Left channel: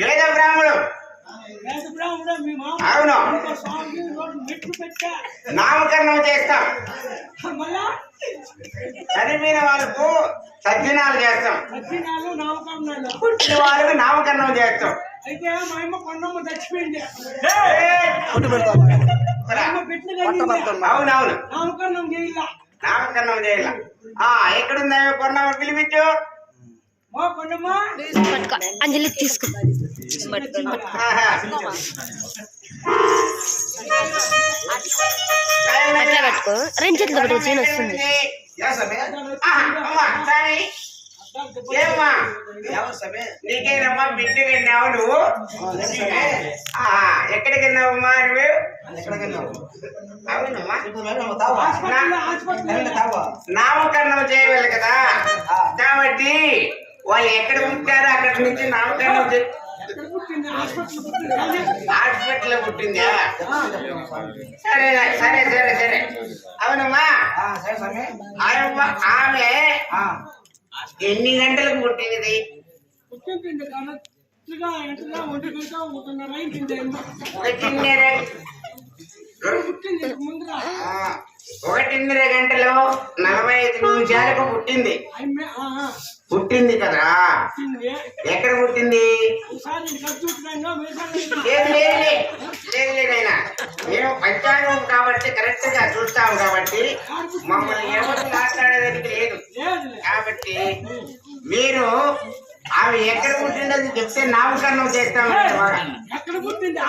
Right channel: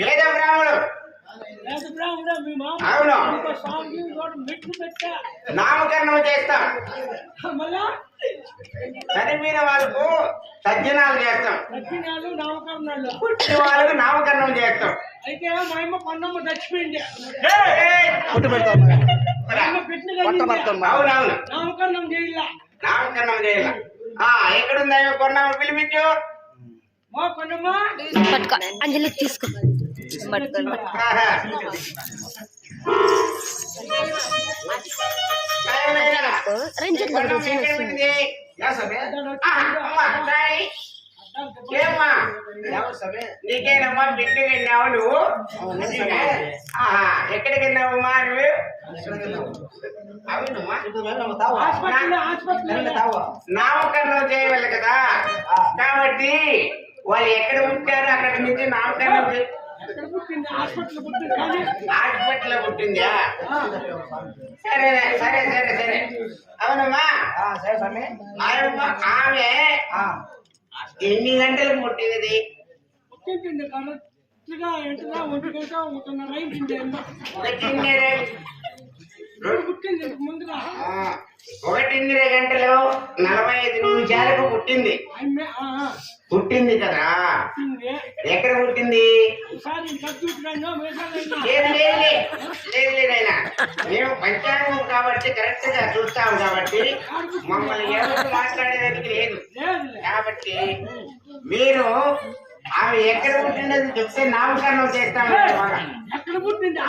వేద బ్రాహ్మణుడు అవును నామకరణం చేస్తాం. చనిపోయిన వాళ్ళకు సజ్జనాలు చేస్తాం, పుట్టిన వాళ్ళకు నామకరణం చేస్తాం. అయితే మా అమ్మ కొన్నమ్మ చచ్చిపోయింది. అవునవును నామకరణం చేయాల. నామకరణం చేయాల. ఎక్కడుందా కొన్నమ్మ పిలిపించు. అంజలి తీసుకో. రెండు చేతులు వస్తుంది. నీకేనమ్మా బిడ్డగా వెళ్ళావు నువ్వు? ఎక్కడికి వెళ్ళావమ్మా నువ్వు? అవునమ్మా నామకరణం చేయవాలి కదా, కాబట్టి వాళ్ళు ఎక్కడ పుట్టారో అక్కడి నుంచి నామకరణం హాస్పిటల్ పుట్టిందా? సరే సరే సరే సరే అవునమ్మా. ఆమె ఎన్ని గంటలకు పుట్టినది? ఒకటిన్నర గంటలు 45 నిమిషాలకు పుట్టింది. పుట్టింది కదా, ఎక్కడ పుట్టింది? లేదు లేదైనా మేము పంచాంగం కాబట్టి కరెక్ట్ గా చూస్తాము కాబట్టి మమ్మల్ని ఎవరు మాట్లాడేదానికి లేదు. కాబట్టి మీరు ఆమె ఎక్కడ పుట్టిందని చెప్తే నామకరణం చేస్తాము. ఎక్కడ పుట్టింది?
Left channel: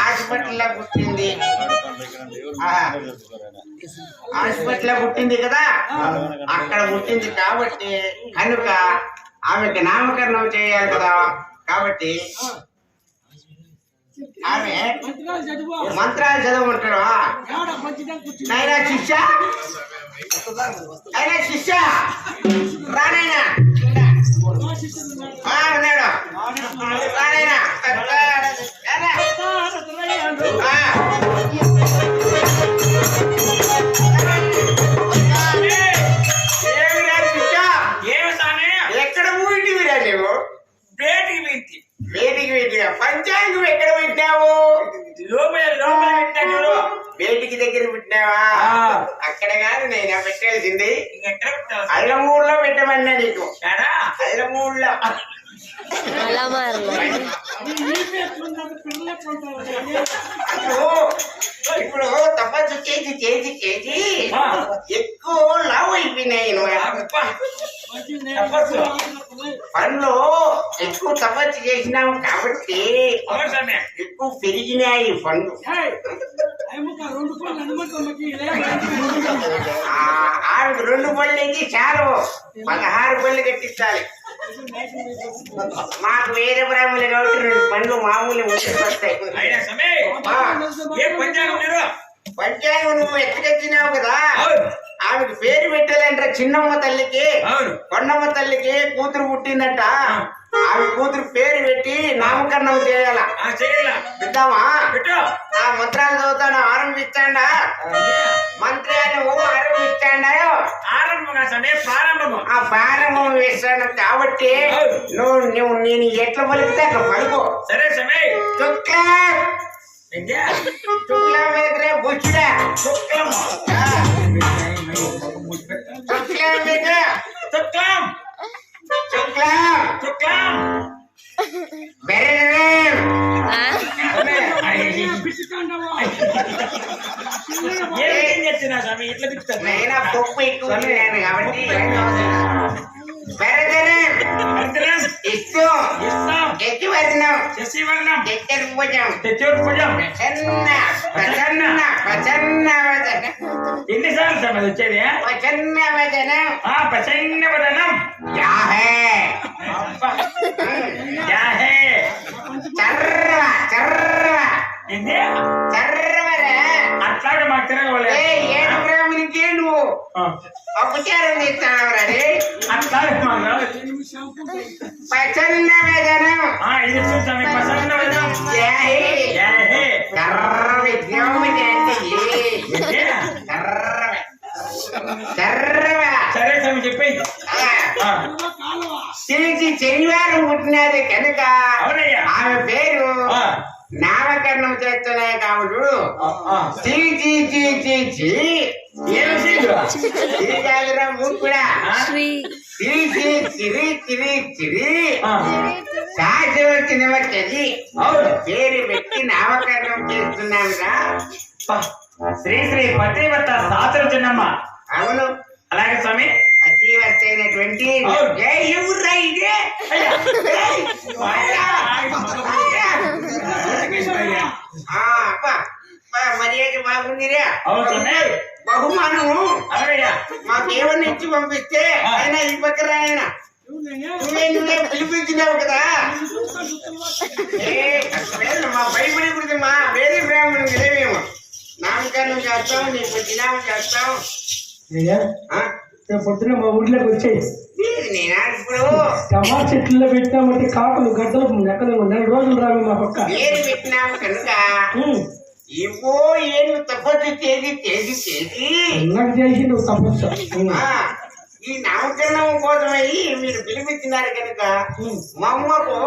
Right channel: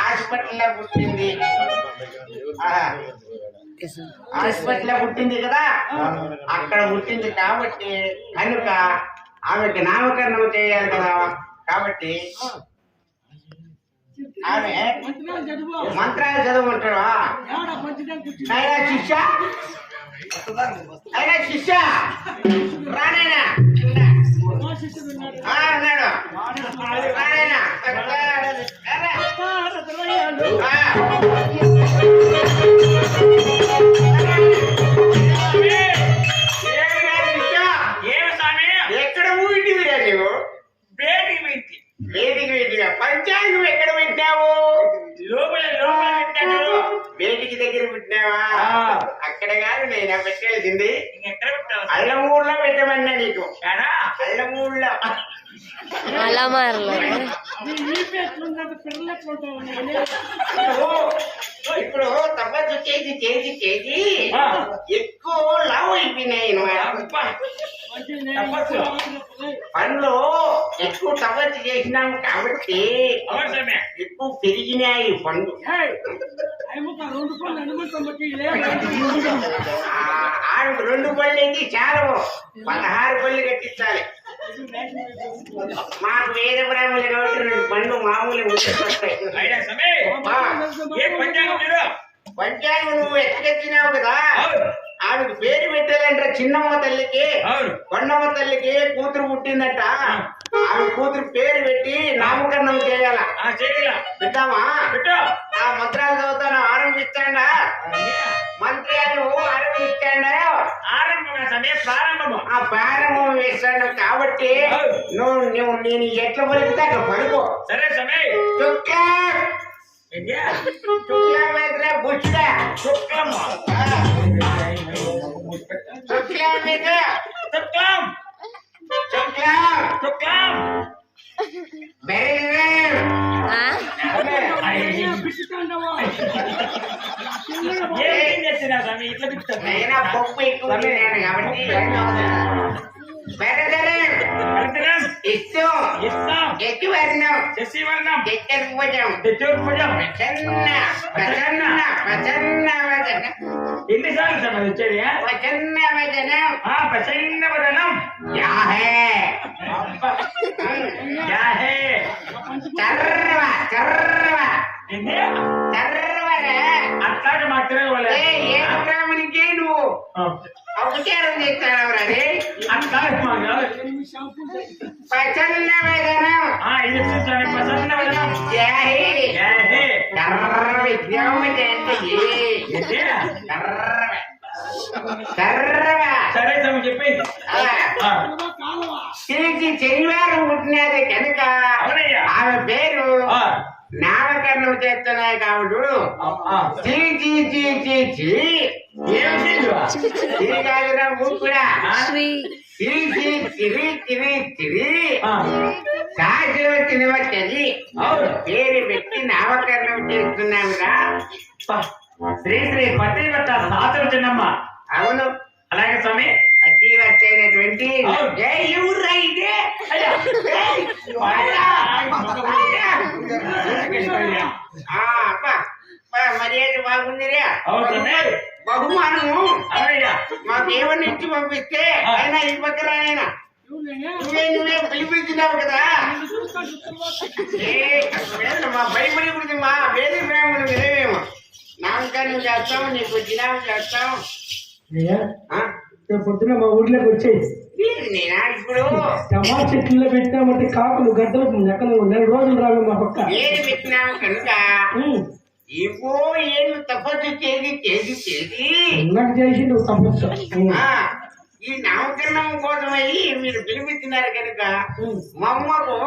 హాస్పిటల్లో పుట్టింది. హాస్పిటల్లో పుట్టింది కదా, అక్కడ పుట్టింది కాబట్టి కనుక ఆమెకి నామకరణం చేయాలి కదా. కాబట్టి ఆమె మంత్రాలు చదవమంటాడు. అయినా శిష్య రానైనా అన్నాడు. రానైనా ఎక్కడ ఊటివిరా నువ్వు? వేదికి పెట్టినా. పంచాంగం ఎక్కడ పెట్టినావు? వేదికి దగ్గర పెట్టినావా? అక్కడ కాదు నేను పెట్టాల్సింది అల్లమూరులో పెట్టమన్నా నీకు. అల్లమూరులో అలా మారలే. ఇప్పుడు తపస్సు చేసి చేసి చేసి ఎక్కువ లావు అయిపోయినాయి. పనులు ఎక్కువ తపస్సు చేసినాము కాబట్టి ఎక్కువ పెరిగినాయి పనులు. ఆమెకు 2 పళ్ళు అయితే చాలు, 16 పళ్ళు కట్టించాలి. మాకు వేరే బ్రాహ్మణులు కాబట్టి 2 పళ్ళు మామూలు వస్తాయి. పంచాంగం నువ్వు ఎక్కడెత్తినావు కదా, ఆమెకు పేరు పెట్టాలంటే చిన్నమ్మ తల్లికి కొండమ్మ తల్లికి కూతురు పుట్టిందట. ఆమె కూతురు పేరు పెట్టి నామకరణం చేయాలా? పెట్టావా? ఆ మంత్రాలు చదువుతాను. ఆరంభిస్తాడా మంత్రి అని ఆరంభిస్తాడా? స్వామి ప్రారంభము. ఆ ప్రారంభం వేస్తాను కాబట్టి నువ్వు నేను ఎట్లా పలికితే అట్లా పలుకు. సరే స్వామి. శుక్లం విద్యా శుక్లం వేదరే బుచ్చుడా శుక్లము. శుక్లం వేద శుక్లం శుక్లం శుక్లం. బెర్రె పిచ్చుకుంటావా ఏం చెప్తున్నా స్వామి ఇట్లా పిచ్చుతాను. నేను పప్పు ఎక్కువ తిన్నాను కాబట్టి బెర్రె భరతరం ఇస్తూ ఇస్తాం. ఎత్తివర్ణం శశివర్ణం చతుర్భుజం చతుర్భుజం. ప్రసన్న ప్రసన్న ప్రసన్న వదనం ఎన్నిసార్లు స్వామి వచ్చేది? ప్రసన్న వదనం ప్రసన్న వదనం. యాహే యాహే చర్ర చర్ర ఏంది? చర్రవరా అట్లాగే మా తిరగలే. ఏడు గ్రాములకి నువ్వు అపచారం చేస్తావరా అట్లాగే మా ప్రసన్న వదనం ఇది చూసాను. ప్రసన్న వదనం. యాహే యాహే చర్ర విజ్ఞాన చర్రవ సరే స్వామి చెప్పి. తిరిగి శనివారం పుట్టినది కనుక అవునయ్యా. ఆమె పేరు నామకరణం చేస్తున్నాయి కాబట్టి తిరిగాదిరా కూడా శ్రీ చిరి సాధ్యం వచ్చేది పేరు పెట్టి నామకరణం చేస్తున్నావురా. శ్రీ శ్రీ పతివత సాతుల చిన్నమ్మ. అవును అలాగే స్వామి. అతివర్త అయినటువంటి మర్యాద బాగుందిరా. బహుమానము మాకేమన్నా ఇచ్చి పంపిస్తే అయినా ఇవ్వకరానైనా నువ్వే పిలిపించినావు కదా. మా భయపడి గురించి మా వేరే ప్రేమ నిలవేమో నామకరణం చేస్తాం, నీకు దినామం చేస్తాం. పొద్దున మా ఊర్లోకి వచ్చేది నేనా ఇప్పుడు టమా చెట్లలో పెట్టామంటే కాకులు గడ్డలు ఎక్కడ 4 రోజులు రావు మా పక్క ఏది పెట్టినావు కనుక ఏవో ఏమి తపస్సు చేసి చేసి చేసి నాకు చేసి నువ్వు తపస్సు. ఈ నామకరణం కోసమై మీరు పిలిపించినారు కనుక మా అమ్మకు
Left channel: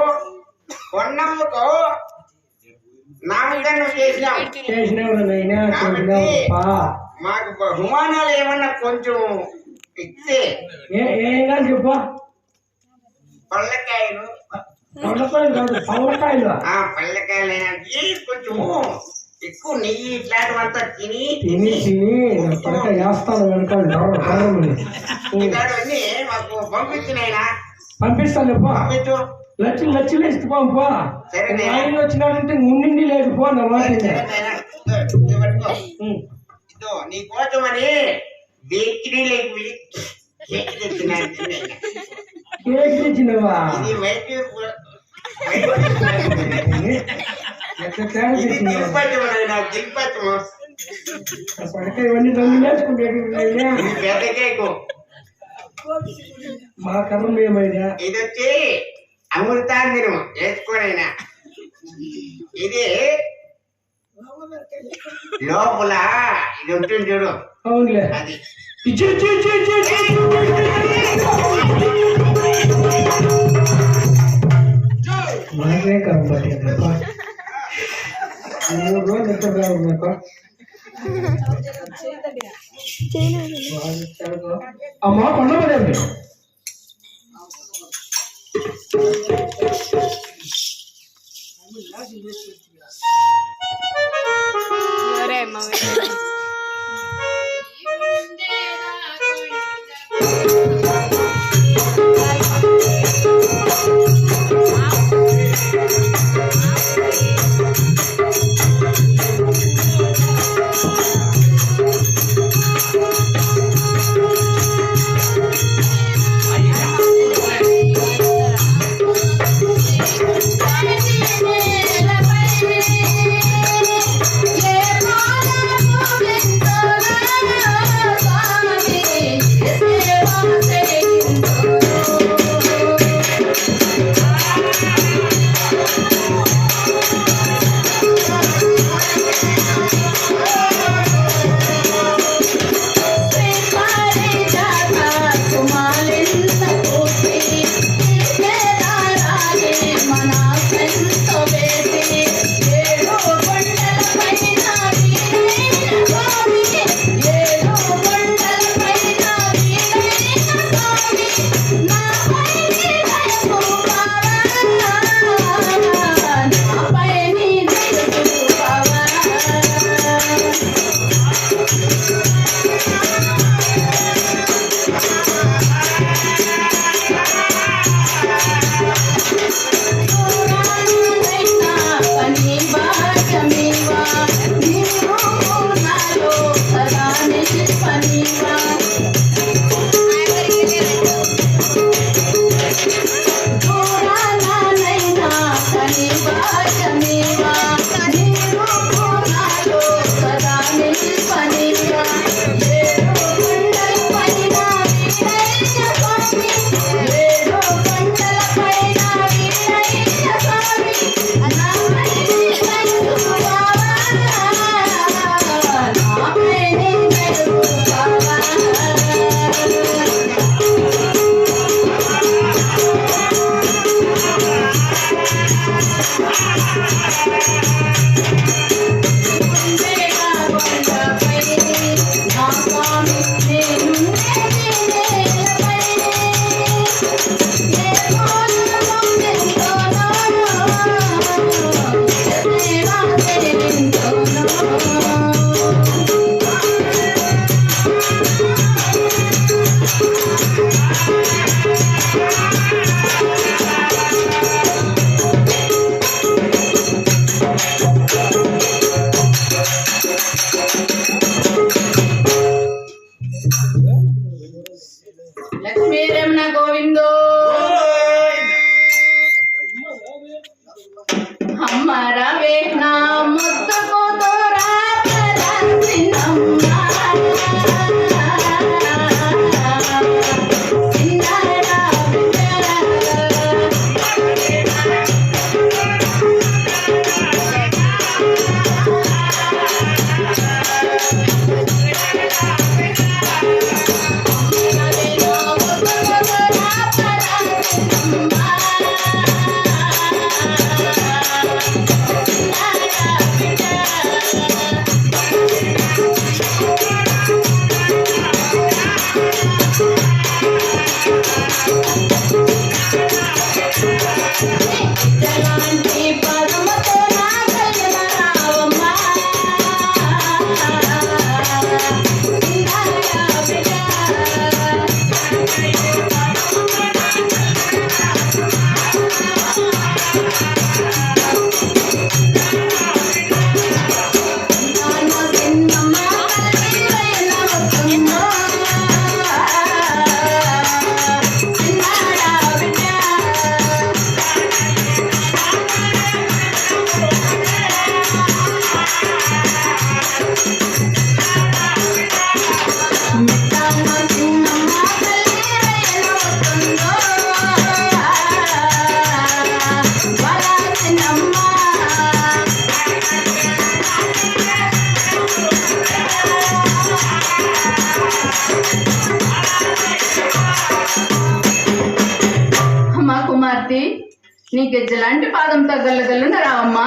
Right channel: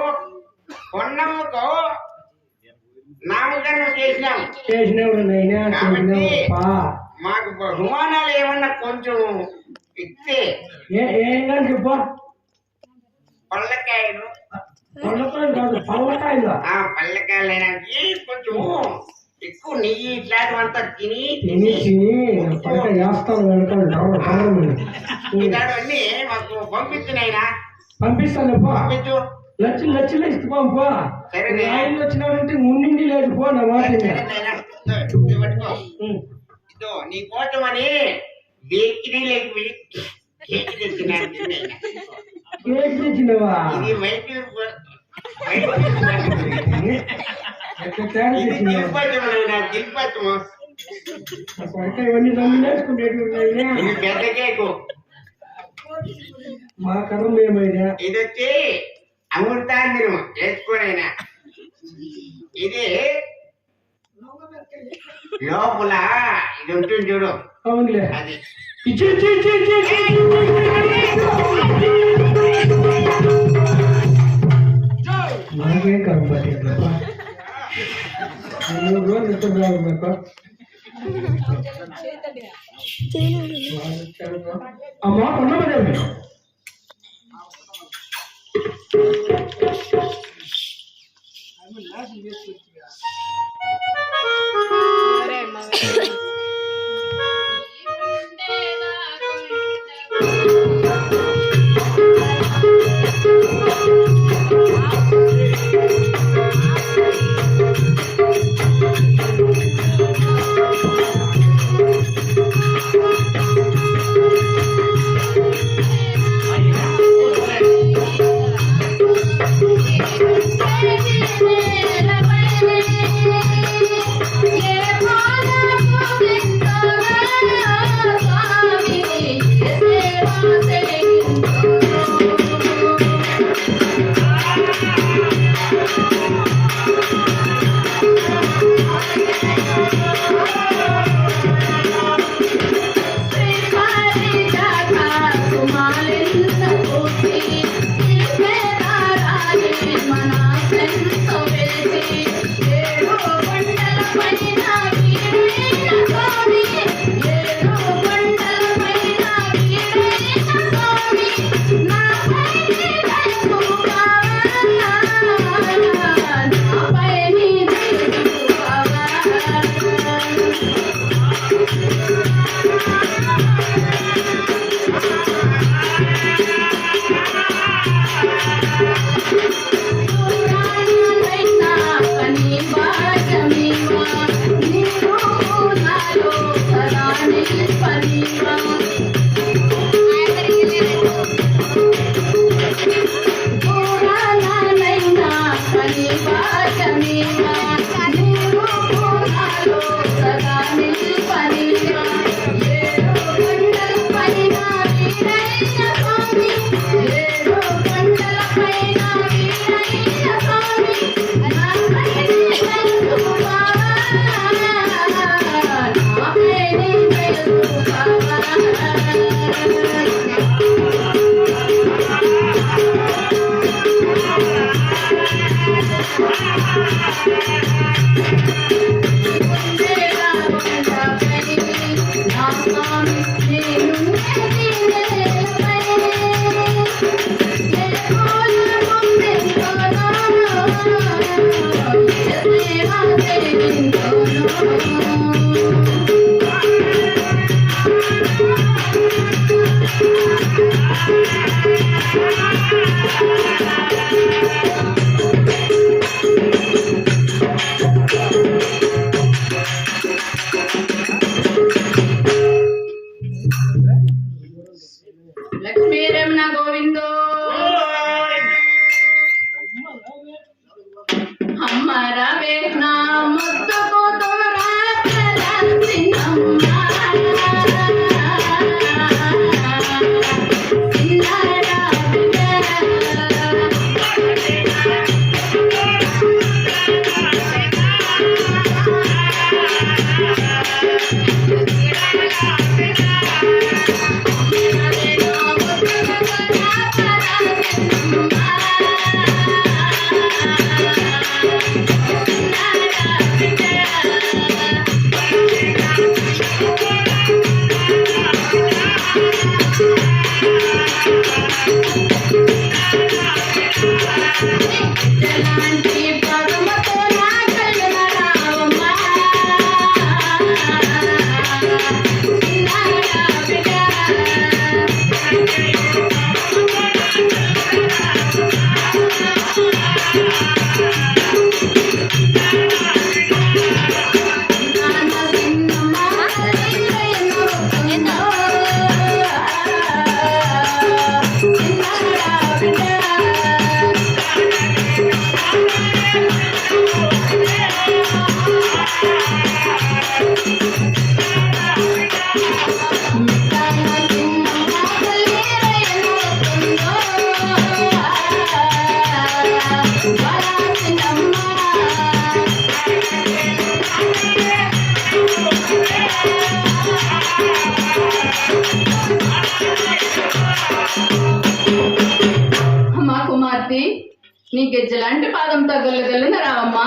పొన్నమ్మకు నామకరణం చేసినావు. మాకు బహుమానాలు ఏమన్నా కొంచెం ఇస్తే ఏం చెప్పు. పళ్ళకాయలు పళ్ళకాయలు కొంచెం ఎక్కువ నెయ్యి ఇట్లాంటివంతా తిని ఇలాంటివన్నీ మాకు పంపించినాయినా. పంపిస్తాను పంపించు. లక్షలు ఇస్తే పంపో. సరే ఆయన వచ్చినాడంటే ఉండి లేదు పో నా మాట. ఇదో నీ కోసమని బేకరీలోకి కేక్ తెచ్చినాను. కేక్ తెచ్చినవా? ఇది వైద్యుడు దిల్పచ్చము ఇవన్నీ రంగు నేర్చుకుంటే ఇది పెద్ద కేకు. మా కర్మ ఏమైనా ఇది వచ్చి అమృతాంజనం వేసుకోనైనా. ఇది లోపల ఇది ఉంటుంది చూడు. అవునులే. అది నాకే కాబట్టి 3 రోజులు నిద్ర రావు నాకు. అమ్మా పండమదేవి లక్ష్మీ రమణ గోవిందో అమ్మ రవే నా ముద్దుకు అమ్మా కుమార్తె నీ గెజ్జలాంటి పాదంతో గల్లగల్లున రావమ్మా.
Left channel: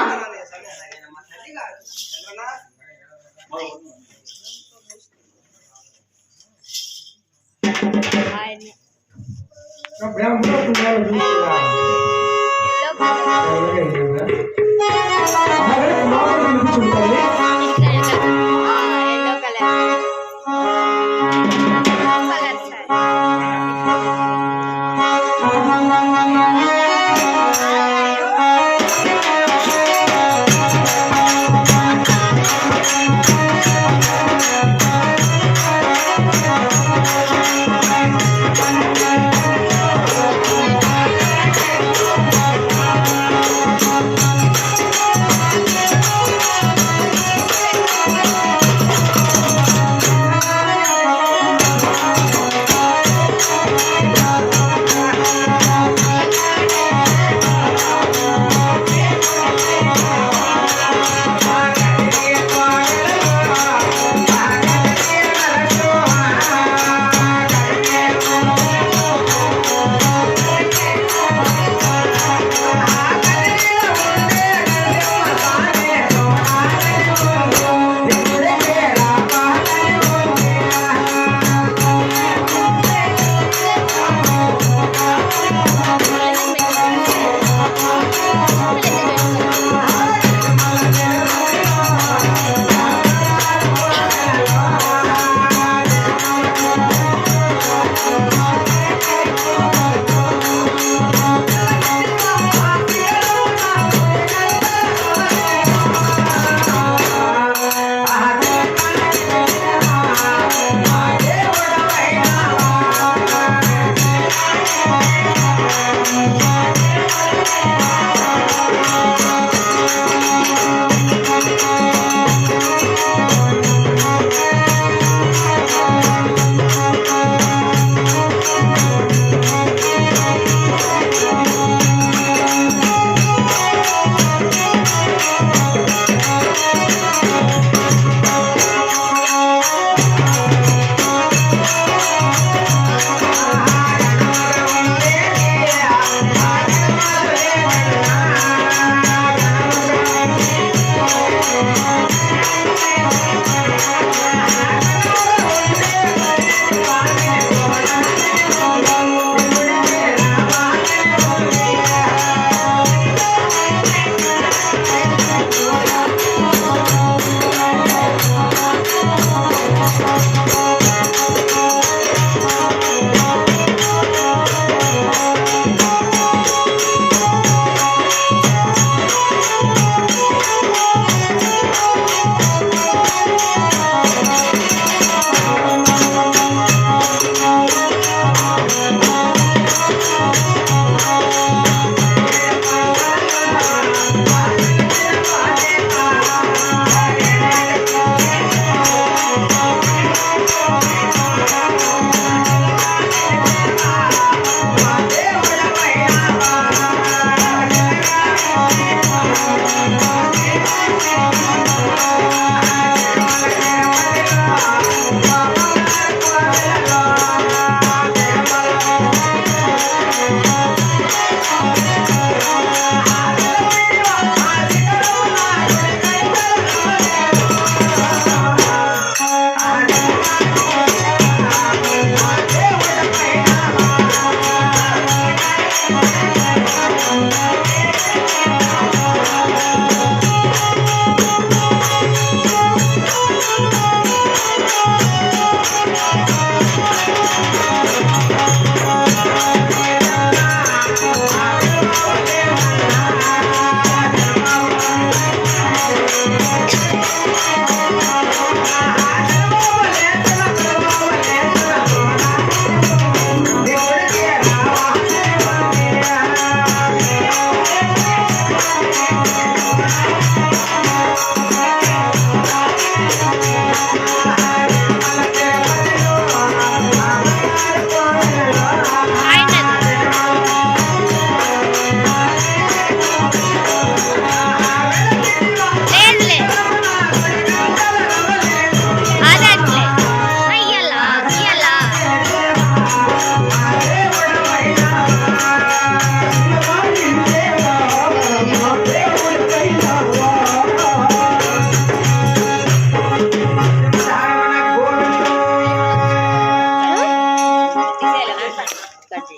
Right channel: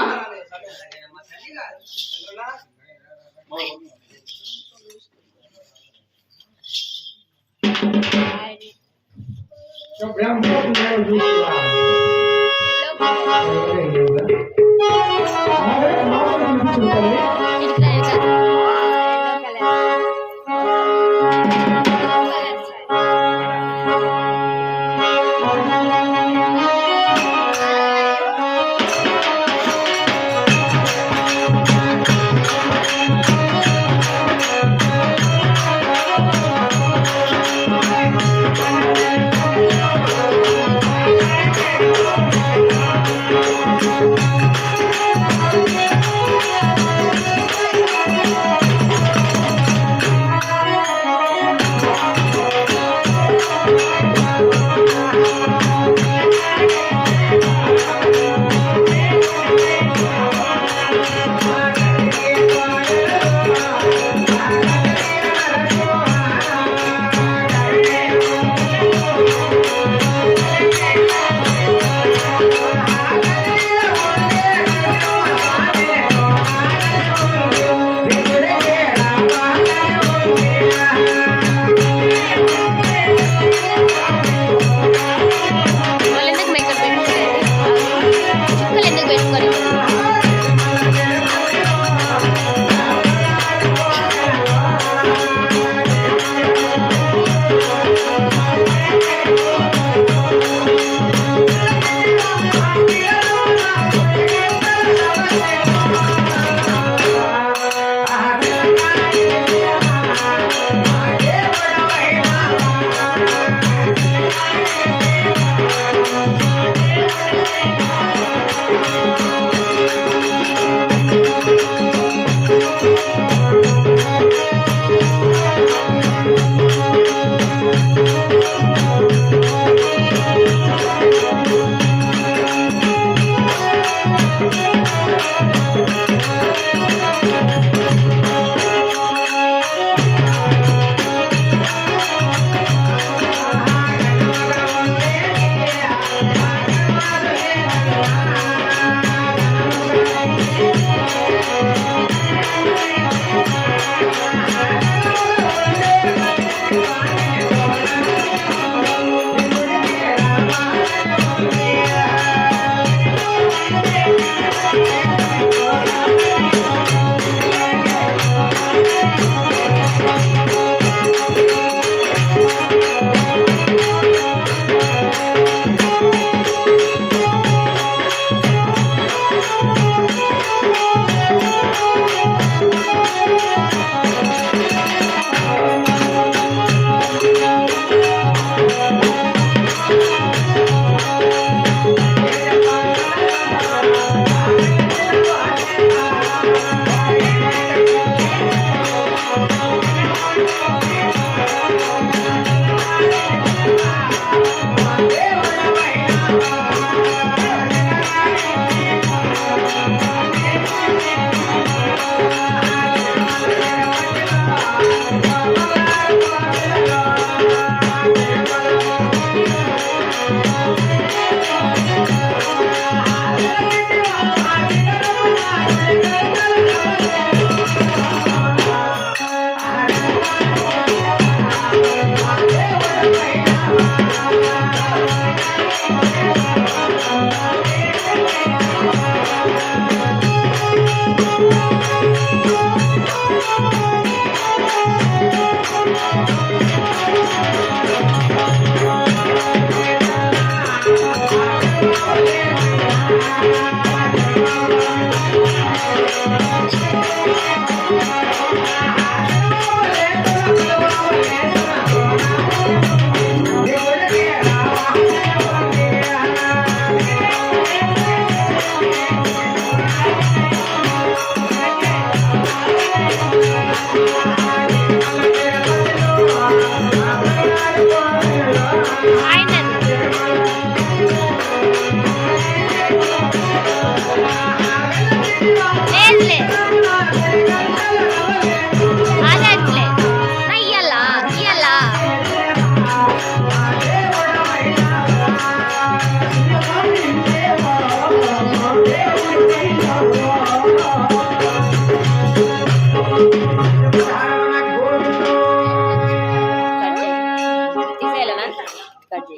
కట్ చేయి